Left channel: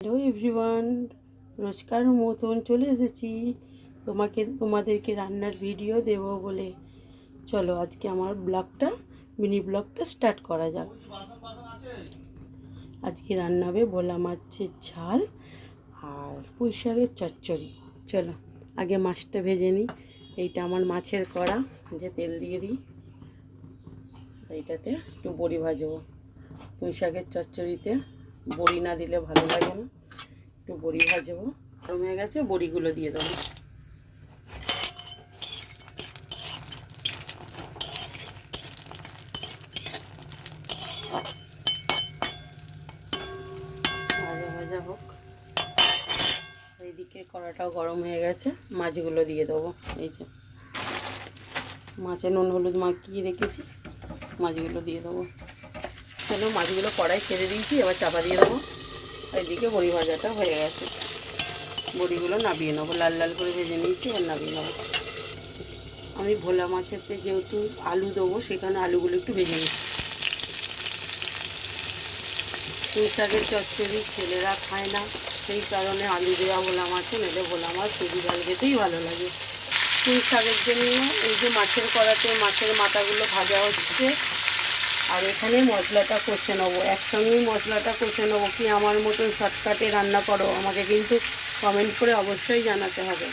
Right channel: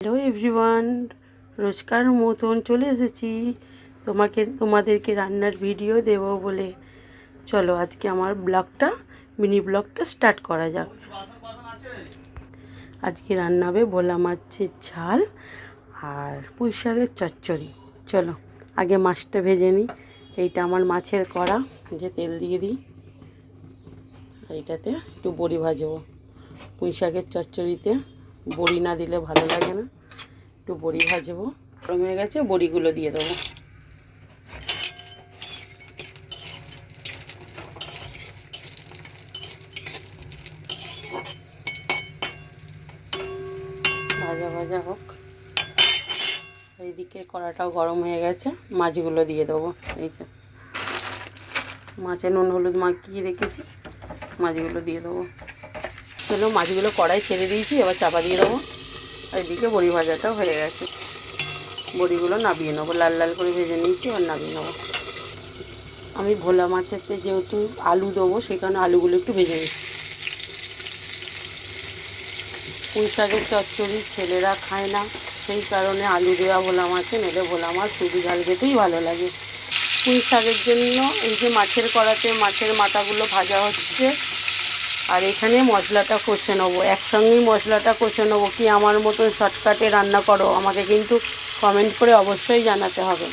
Hello everyone রোজকার মতন চলে এসেছি। তোমাকে, তোমাদেরকে রান্নার ভিডিও দেব বলে। চলো, আজকে আমার ব্লগটা মিনি ব্লগটা স্টার্ট করা যাক। আজকে রান্না হবে ভোলা মাছের ঝাল আর পুঁই শাকের চচ্চড়ি। চলো, আগে মাছটা ভেজে নিই। এইটা আমার মাছের কড়া, যে তেল দিয়ে দিই। আর এটাতে একটু বড়ি ভাজবো পুঁই শাকের চচ্চড়িতে। বড়ি না দিলে ভালো লাগে না। একটু বড়ি ভাজবো। গরম হয়ে গেছে, বড়িগুলো দিয়ে দেবো। ভাজা ভাজা হোক। এইদিকে কড়াটাও গরম হয়ে গেছে, মাছগুলো দিয়ে দেবো। এই যে মাছে নুন, হলুদ মাখিয়ে রেখেছি, মাছগুলো দিয়ে দেবো। চলো মাছগুলো কড়াই ছেড়ে দিয়েছি, এবার চাপা দিয়ে দেবো। আর এদিকে বড়ি ভাজাটাও হয়ে গেছে। বড়িগুলো নাবিয়ে নেব, লাল লাল করে ভেজে নিয়েছি, এবার নাবিয়ে নেব। আমি ভোলা মাছেতে যেহেতু আলু দেবো, সেখানে আলুগুলো একটু ভেজে নিচ্ছি। পুঁই শাকের চচ্চড়ি ছেলেরা খায় না, সেই কারণে আলু দেওয়া ভোলা মাছে নেলে ভোলা মাছ শুধু ঝাল খেতেই ভালো লাগে। পুঁই শাকের জন্য এই যে মাছের কড়াতে মাছের মাথাগুলো ভাজা হচ্ছে আর এখানে মশলাটা কষে নেব। একসঙ্গেই মশলাটা কষে নেব কি আমার মতো শর্টকাটে রান্না করো? আমাকে কিন্তু কমেন্ট করে অবশ্যই জানাতে হবে।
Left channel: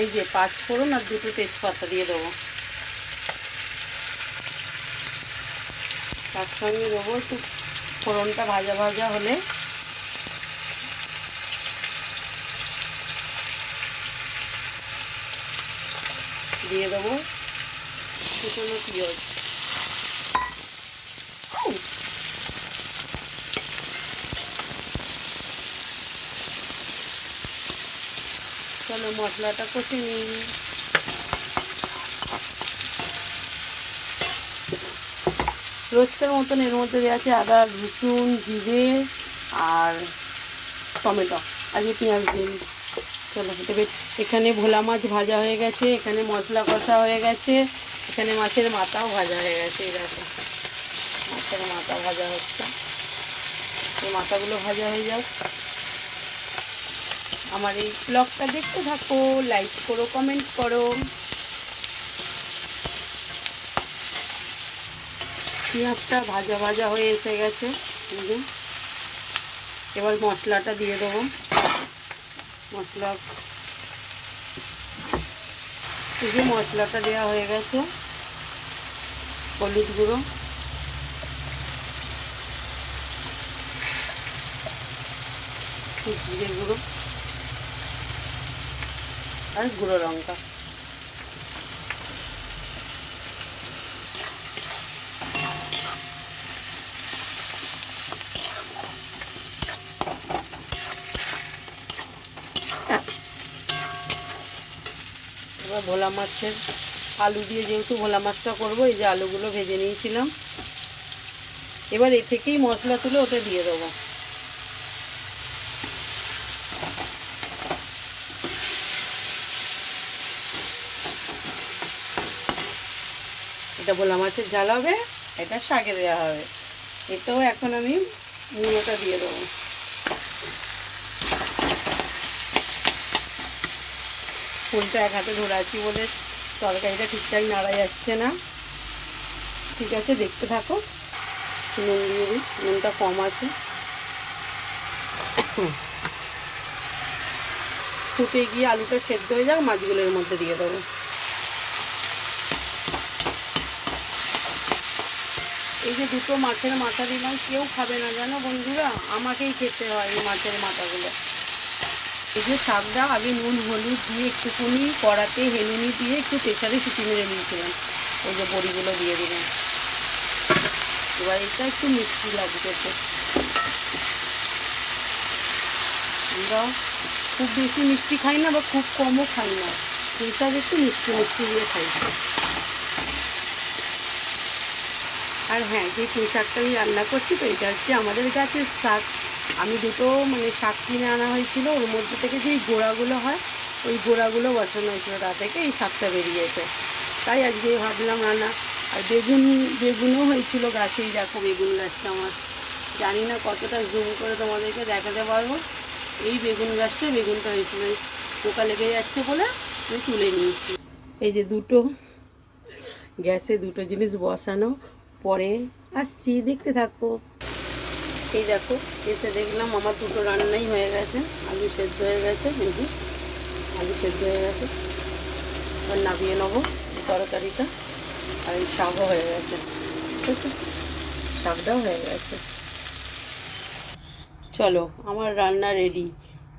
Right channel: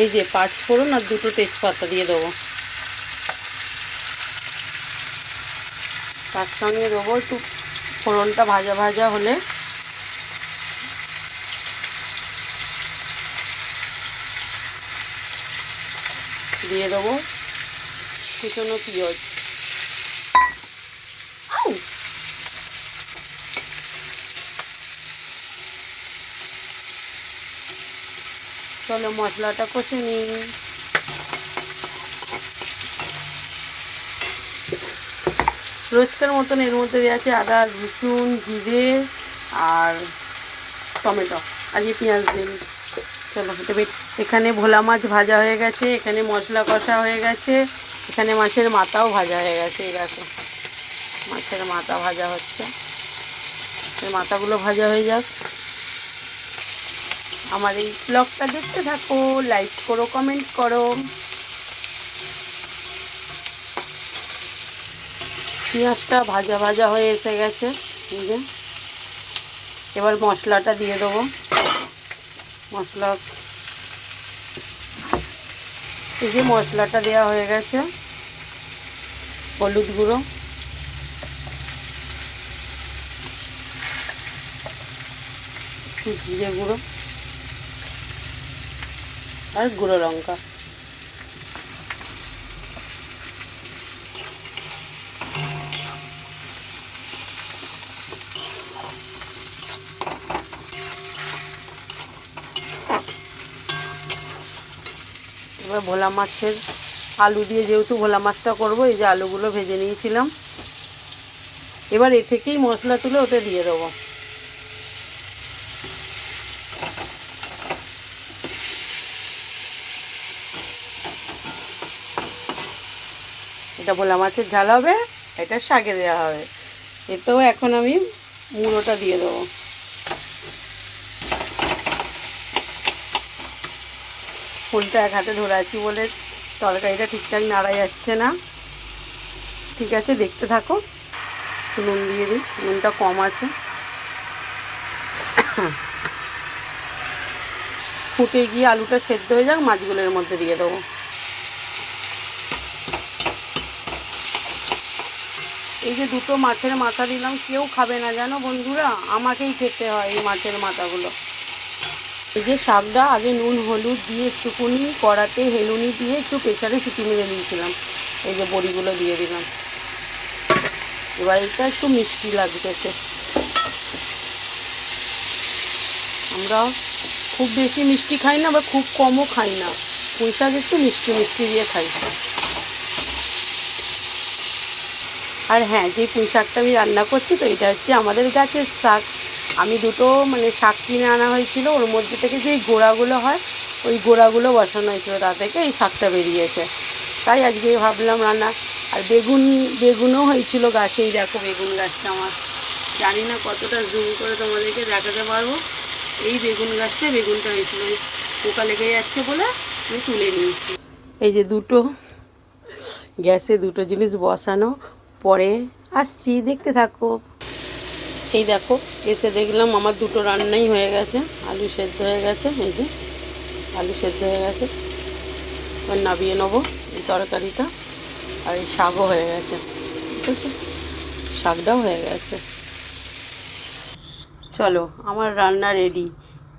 এই যে পাঁচ ফোড়ন আর দুটো তেজপাতা দিয়ে দেবো। তার সঙ্গে দেবো একটু ফোড়নটা ভাজা ভাজা হলে। দিয়ে দেবো। কুচনো পিঁয়াজ। চলো মশলাটা কষে নিই। রোজকার মতন এর মধ্যে দেওয়া আছে আদা, রসুন, জিরে আর টমেটো। আজকে পেঁয়াজ দিন চলো এখানে ভোলা মাছ ভাজা হয়ে গেছে, এখানে মশলা কষা হয়ে গেছে, এখানে মাছের মাথাও ভাজা হয়ে গেছে দেখো। মাছের মাথা ভাজা হচ্ছে। এই মাথাগুলো ভাজা হয়ে যাক। আমার এই ব্লগটা দেখতে থাকো লাইক করো কমেন্ট করো। পেঁয়াজটা ভাজা ভাজা হয়ে এসে গেছে যে। এবার মশলাটা দিয়ে দেবো। মশলা। এই যে মশলাটা দেওয়া হয়ে গেছে, হলুদ গুঁড়ো। জিরে গুঁড়ো। আর গুঁড়ো লঙ্কা। এবার ভোলা মাছের আলু দিয়ে যেহেতু ভোলা মাছটা করব, এই যে আলুগুলো ভেজে নিয়েছিলাম। এবার এ থেকেই মশলা তুলে ওতে দিয়ে দেবো। এটা ভোলা মাছের ঝাল হবে, এটা শাকে দেওয়া হবে। এতেও এখন আমি মুড়োটা দিয়ে দেবো। ফুলটা এক হাতে ধরে আছি বলে তরকারিটা ঠিকঠাক নাড়া যাচ্ছে না। ঠিক আছে, দেখতে থাকো। নুন দিয়ে দিই, নুনটা কম আছে। ফুটে গিয়ে আলুটা সেদ্ধ হয়ে যাক মাছগুলোর মধ্যে দিয়ে দেবো। এই যে দুটো মাছের মাথা দিলাম, কেউ খাবে না জানো বন্ধুরা? আমাকেই খেতে হয় এই মাছের মাথাগুলো। এই যে শাকটা, আগে নুন, হলুদ দিয়ে একটুকুনি কড়াতে হেলুনি দিয়ে একটু প্রেশারে সিটি মেরে দিয়েছিলাম। এই যে বড়িগুলো দিয়ে দিলাম। এবার এটা একটু মিষ্টি লাগতেছে আমরা খুব বেশি মিষ্টি খাই না বা খুব কমও খাই না। পুঁই শাক একটু মিষ্টি মিষ্টি দিয়ে খাই। আর হ্যাঁ যে পুঁই শাকটা আমি রান্না করছি, তো এটা হচ্ছে আমাদের গাছের শাক। আমি দুটো মানে শাক কিনে আনা হয়েছিল, ওর মধ্যে থেকে যেই গোড়াগুলো হয়, ওই গোড়াগুলো বসানো হয়েছিল, তা থেকে এই শাকটা বেরিয়েছে। তাই আজকে ভাবলাম রান্না। আর বেগুন, বেগুনও হয়েছিল গাছেই দেখো বেগুন গাছটা আমার। জানি না কতটা জুম করে তোমাদেরকে দেখাতে পারব। এই বেগুন গাছটা বেগুনটা হয়েছিল পোকা লেগে যাচ্ছে বলে আমি তুলে নিয়েছি। এই যে দুটো, গ্যাসে দুটো জিনিস বসানো পরে আসছি, দেখতে থাকো। এই দেখো, এসে দেখলাম আমার দুটো রান্নাই হয়ে গেছে। আলু সেদ্ধ হয়ে গেছে, এই যে আলু সেদ্ধ হয়ে গেছে। এবার নাবিয়ে নেব এই তরকারিটা। আর এই শাকও হয়ে গেছে, ঠিক আছে? শাকটাও হয়ে গেছে। চলো, আমার রান্না রেডি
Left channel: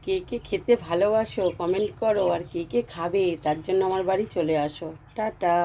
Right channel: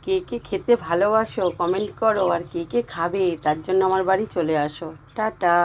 কে কে খেতে ভালোবাসো কমেন্ট করো। আর কে কে খাবে, তার জন্য আমার বাড়ি চলে আসো। টাটা।